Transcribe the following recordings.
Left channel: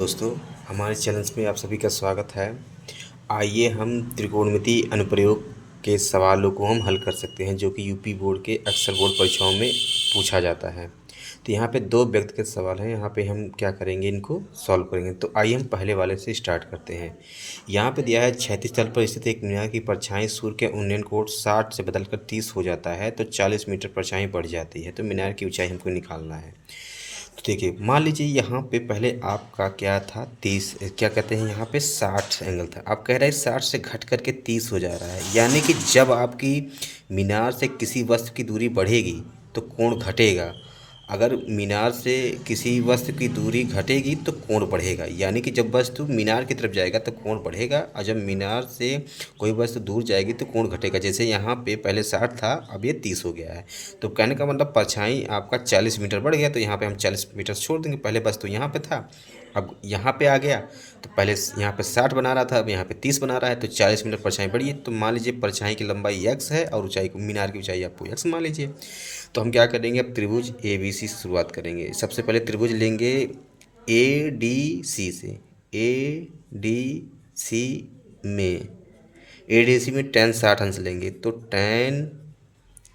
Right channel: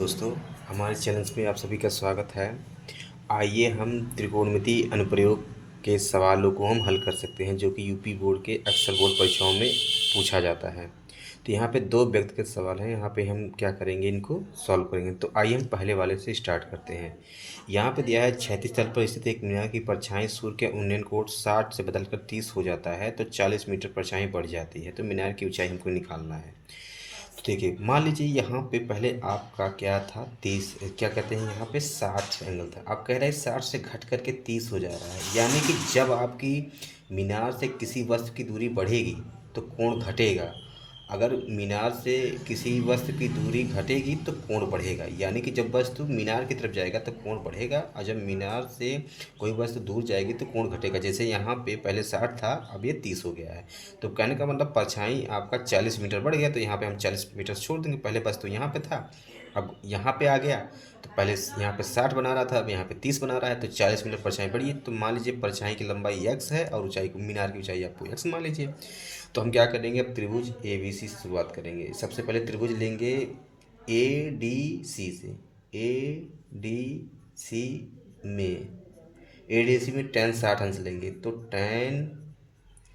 दोस्तों, हमारे चैनल में आप सभी का स्वागत है। आइए हम त्रिकोणमिति अनुप्रयोग के सवालों को हम हल कर सकते हैं, जो कि यूपी बोर्ड के अक्सर बोर्ड परीक्षाओं में पूछा जाता है। तो यहाँ पे दो व्यक्तिगत सवाल हैं, यहाँ पे हम क्या करेंगे, इनको सॉल्व करेंगे। तो आइए हम पहले वाले से स्टार्ट करते हैं। यहाँ पे दिया है क्षैतिज तल पर स्थित एक मीनार की परछाई सूर्य के उन्नयन कोण 60 से बदलकर 30 हो जाता है, तो 40 मीटर परछाई बढ़ जाती है। तो मीनार की ऊंचाई हमको निकालना है। तो देखिए, मान लीजिए यहाँ पे पहले आपका क्या था, 30, क्या कहते हैं, यहाँ पे 60 एंगल था। आप कह रहे हैं 60 से घट करके 30 हो जा रहा है, यानी कि जब आपकी मीनार से किसी वस्तु की दूरी बढ़ेगी तो कोण घटेगा। अगर मीनार से किसी वस्तु की दूरी घटेगी तो कोण बढ़ेगा, यानी कि जब वस्तु मीनार की तरफ जाएगा तो कोण बढ़ेगा, और जब मीनार से कोई वस्तु दूर जाएगी तो कोण घटेगा। जैसे यहाँ पे पहले 60 था, अब ये 30 हो गया है। तो कहने का मतलब परछाई आपका 40 मीटर बढ़ गया, तो यहाँ पे हम 40 मीटर छोड़ देंगे। पहले वस्तु यहाँ पे था, अब यहाँ पे आ गया, तो पहले यहाँ पे 60 बना रहा था, अब यहाँ पे 30 बना रहा है, तो 40 मीटर परछाई बढ़ी है। तो मान लीजिए परछाई की लंबाई x है और ऊंचाई मीनार की ऊंचाई आपको x मान लीजिए। तो हम क्या करेंगे, अब त्रिभुज ए बी सी से शुरुआत करेंगे। सबसे पहले त्रिभुज लेंगे ए डी सी से। ए डी सी में ए डी सी में tan 60 अंश लेंगे, तो tan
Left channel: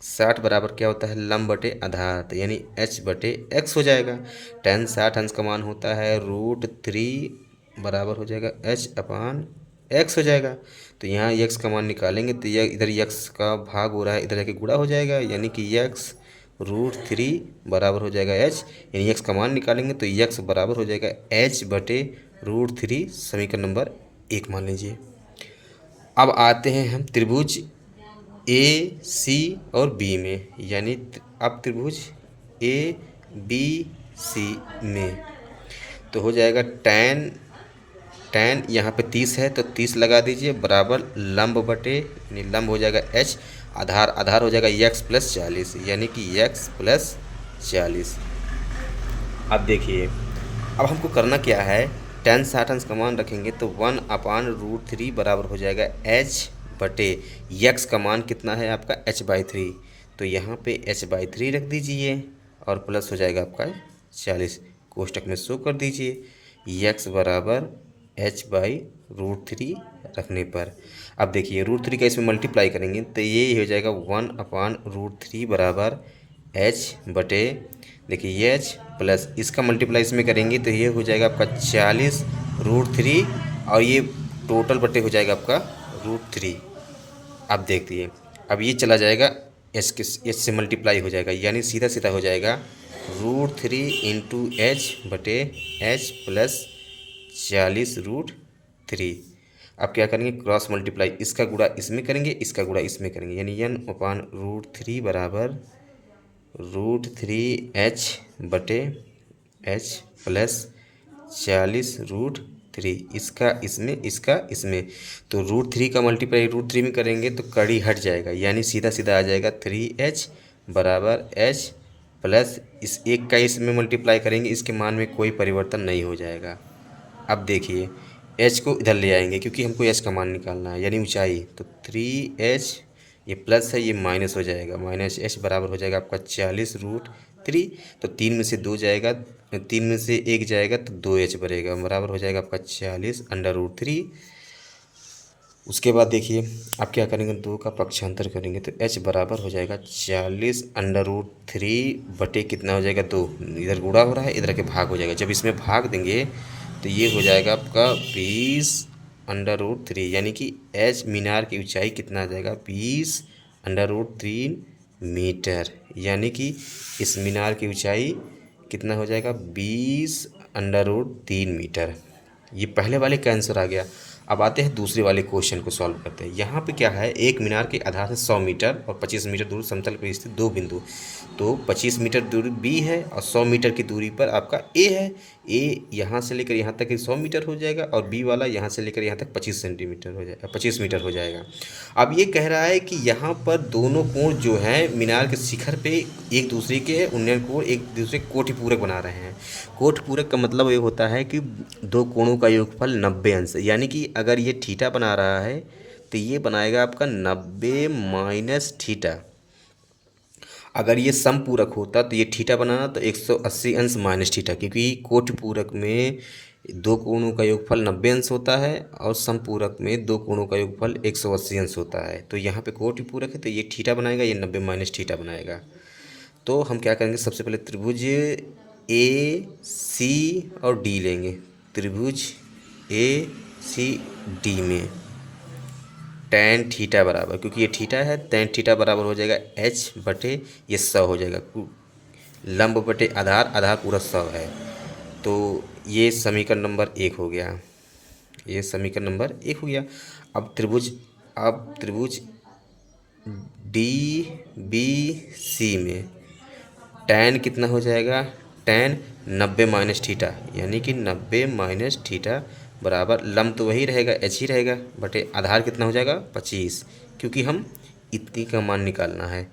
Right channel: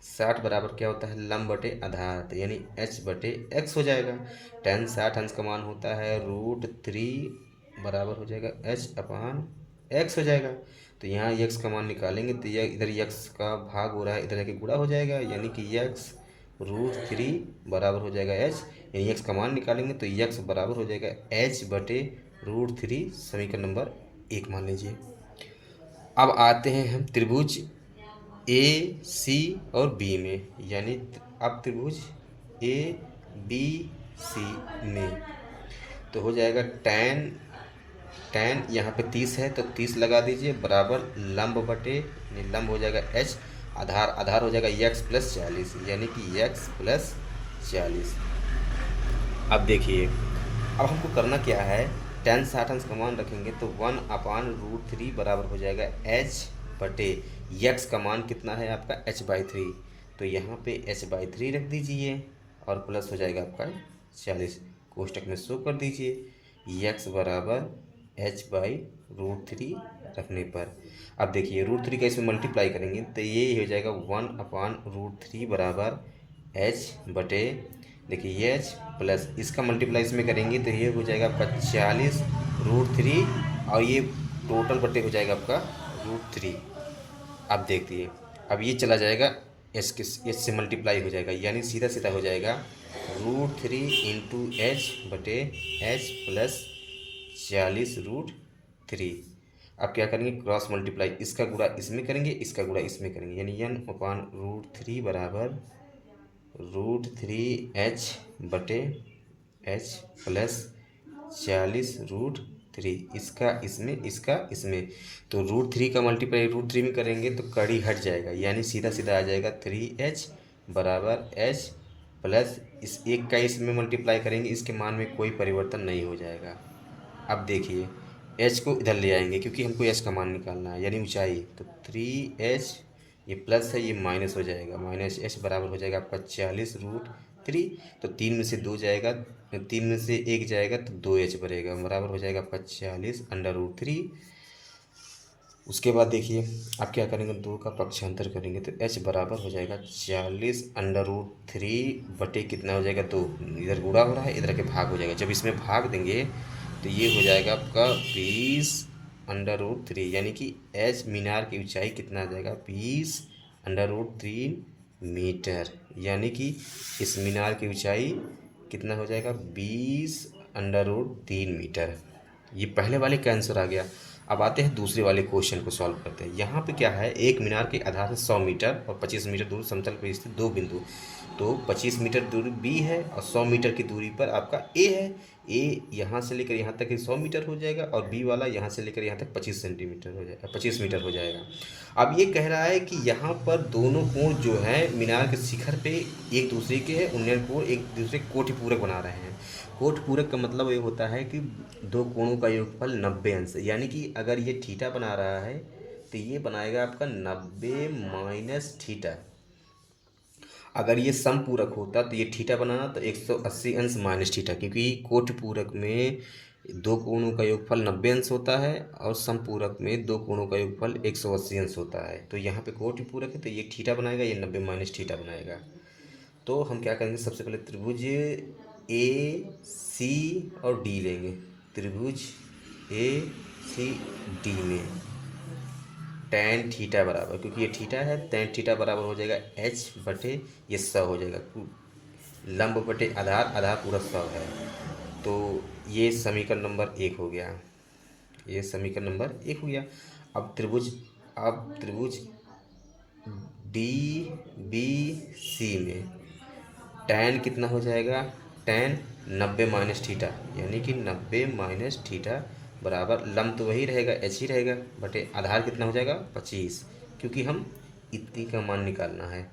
60 बराबर क्या होता है, लंब बटे आधार, तो यानी h बटे x हो जाएगा। tan 60 अंश का मान होता है √3 बराबर हो जाएगा h अपान x हो जाएगा। तो यहाँ x का मान निकालेंगे तो यह इधर x का भाग हो रहा है, इधर जाके गुणा हो जाएगा, यानी कि x √3 बराबर हो जाएगा h। यानी x का मान निकालेंगे तो x बराबर हो जाएगा h बटे √3, समीकरण नंबर 1 मान लीजिए। अब आते हैं हम त्रिभुज ए सी और बी में, यानी अब त्रिभुज ए बी सी में तो हो जाएगा tan यहाँ पे 30 है तो 30 लगा दीजिए, बराबर लंब बटे, यानी लंब हो जाएगा h, आधार आधार हो जाएगा x प्लस 40, यानी कि x प्लस 40। अब देखिए, अब हमको करना क्या है, tan 60 अंश का मान रखेंगे तो 1/√3 बराबर हो जाएगा h बटे x का मान कितना है आपका h/3, तो यहाँ पे h/3 रख दीजिए और प्लस हो जाएगा आपका 40, कोष्टक में शो कर दीजिए x बराबर h/√3 रखने पर। अब देखिए √3 का इसमें मल्टीप्लाई करेंगे तो ये हो जाएगा 1/√3 बराबर h बटे, देखिए h प्लस इसका मल्टीप्लाई इसमें करेंगे तो ये हो जाएगा आपका 40√3, और ये टोटल बटे हो जाएगा आपका √3। अब देखिए, अब ये चला जाएगा एच से मल्टीप्लाई हो जाएगा, यानी सीधा सीधा हो जाएगा √3 इंटू एच बटे एच प्लस 40√3। अब क्या करेंगे, क्रॉस मल्टीप्लाई, इसका गुणा इसमें करेंगे, इसका गुणा इसमें करेंगे, यानी n/√3 बराबर √3h बटे h प्लस 40√3, इसका इसमें, इसका इसमें, तो √3 का मल्टीप्लाई √3 में करेंगे तो कड़ी हट जाएगा, यानी सीधा सीधा आ जाएगा 3h बराबर h प्लस इस एक का इसमें मल्टीप्लाई करेंगे, इसके मान में कोई परिवर्तन नहीं हो जाएगा। अब देखिए h को इधर ले आएंगे क्योंकि हमको h का मान निकालना है, यानी ऊंचाई, तो 3h, ये प्लस है ये माइनस हो जाएगा, माइनस h बराबर हो जाएगा आपका 40√3, तो 3 में से 2 जाएगा, 3 में से 1 जाएगा तो 2h बढ़ेगा, बराबर हो जाएगा आपका 40√3। उसके बाद देखिए आप क्या करेंगे, 2 का पक्षांतर करेंगे तो h बराबर हो जाएगा 40√3 बटे कितना हो जाएगा 2, इधर गुणा हो रहा है, इधर के भाग हो जाएगा। जब इसमें भाग देंगे तो ये हो जाएगा आपका 20√3, यानी कि h मीनार की ऊंचाई कितना आ जाएगा 20√3 मीटर, यानी कि इस मीनार की ऊंचाई कितना हो जाएगा 20√3 मीटर। ये पहले वाले का आंसर आ गया। अब आते हैं दूसरे वाले क्वेश्चन को सॉल्व करते हैं। यहाँ पे क्या है, एक मीनार के आधार से 100 मीटर और 25 मीटर दूर समतल पर स्थित दो बिंदु, तो 25 मीटर दूरी बी है और 100 मीटर की दूरी पर आपका ए है। ए यहाँ से लेकर यहाँ तक 100 मीटर हो जाएगा और बी वाला यहाँ से लेकर यहाँ तक 25 सेंटीमीटर हो जाएगा, 25 मीटर हो जाएगा। अब ये कह रहा है कि यहाँ पर दोनों कोण जो है मीनार के शिखर पे एक दूसरे के उन्नयन कोण एक दूसरे कोटि पूरक बना रहे हैं। कोटि पूरक का मतलब ये होता है कि दो कोणों का योगफल 90 अंश, यानी कि अगर ये थीटा बना रहा है तो ये बनाएगा आपका 90 माइनस थीटा। अगर ये समपूरक होता तो ये थीटा बनाना तो 180 अंश माइनस थीटा, क्योंकि कोटि पूरक में दो कोणों का योगफल 90 अंश होता है और समपूरक में दो कोणों का योगफल 180 अंश होता है। तो यहाँ पे कोटि पूरक है तो ये थीटा बनाएगा, ये 90 माइनस थीटा बनाएगा। तो हम क्या करेंगे, सबसे पहले त्रिभुज ए सी और डी लेंगे। त्रिभुज ए सी डी में टैन थीटा बराबर, क्योंकि ये थीटा है, टैन थीटा बराबर हो जाएगा एच बटे ये 100 हो जाएगा, लंब बटे आधार, आधार पूरा 100 है। तो ये समीकरण नंबर 1 हो गया, ये समीकरण नंबर 1 हो गया। अब त्रिभुज डी बी सी में टैन कितना हो जाएगा, टैन 90 माइनस थीटा, यानी कि 90 माइनस थीटा बराबर, लंब तो वही रहेगा, एच ही रहेगा, बटे आधार कितना हो जाएगा 25, क्योंकि हम इतनी का मान निकालना है।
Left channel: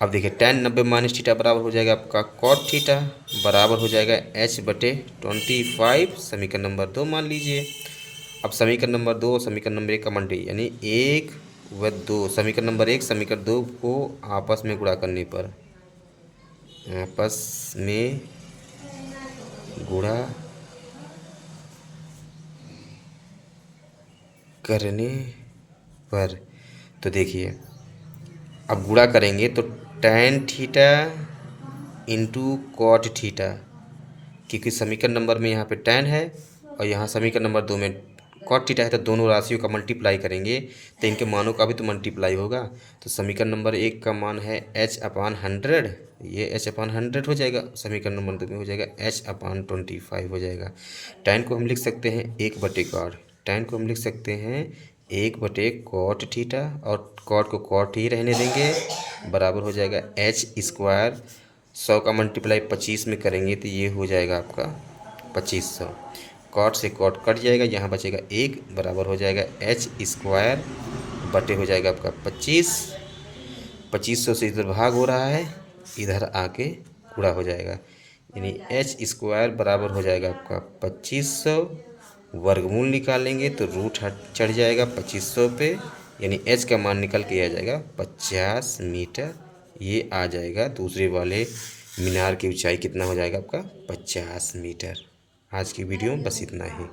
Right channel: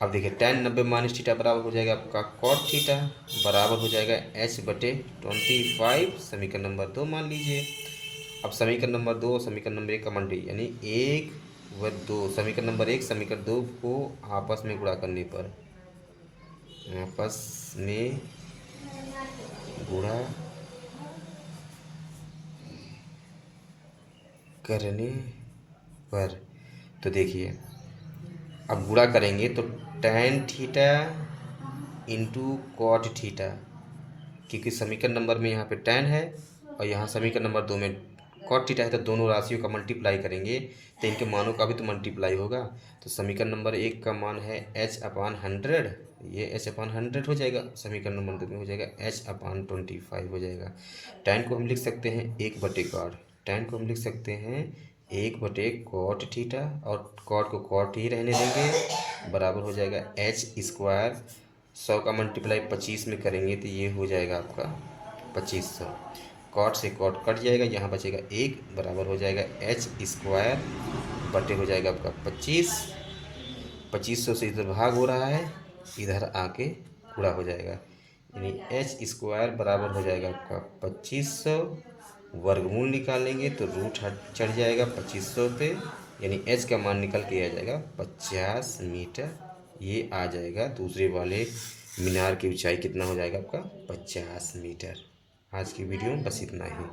अब देखिए टैन 90 माइनस थीटा बराबर हो जाएगा आपका कॉट थीटा, बराबर हो जाएगा एच बटे 25, समीकरण नंबर 2 मान लीजिए। अब समीकरण नंबर 2 समीकरण नंबर 1 का मल्टी, यानी 1 व 2, समीकरण नंबर 1 समीकरण 2 को आपस में गुणा करने पर, आपस में गुणा करने पर, तो देखिए अब गुणा करेंगे तो tan theta into cot theta, क्योंकि समीकरण नंबर में यहाँ पे टैन है और यहाँ समीकरण नंबर 2 में कॉट थीटा है, तो दोनों राशियों का मल्टीप्लाई करेंगे तो इनके मानों का भी तो मल्टीप्लाई होगा। तो समीकरण नंबर 1 का मान है h/100, ये h/100 हो जाएगा, समीकरण नंबर 2 में हो जाएगा h/25 हो जाएगा। टैन को हम लिख सकते हैं 1/कॉट, टैन को हम लिख सकते हैं 1/कॉट थीटा, और कॉट को कॉट ही रहने देंगे, बराबर हो जाएगा h²। 100 का मल्टीप्लाई 25 में करेंगे तो ये हो जाएगा आपका 2500, कॉट से कॉट कट जाएगा, यहाँ बचेगा 1, बराबर हो जाएगा h² बटे हो जाएगा आपका 2500 से इधर भाग हो रहा है, इधर आके पूरा हो जाएगा, यानी h² बराबर हो जाएगा आपका 2500, वर्गमूल निकालेंगे तो रूट हट चढ़ जाएगा 2500 पे, यानी h का मान निकल के आ जाएगा 50 मीटर, ये आ जाएगा। दूसरे वाले मीनार की ऊंचाई कितना हो जाएगा आपका 50 मीटर। आज की वीडियो में बस इतना ही।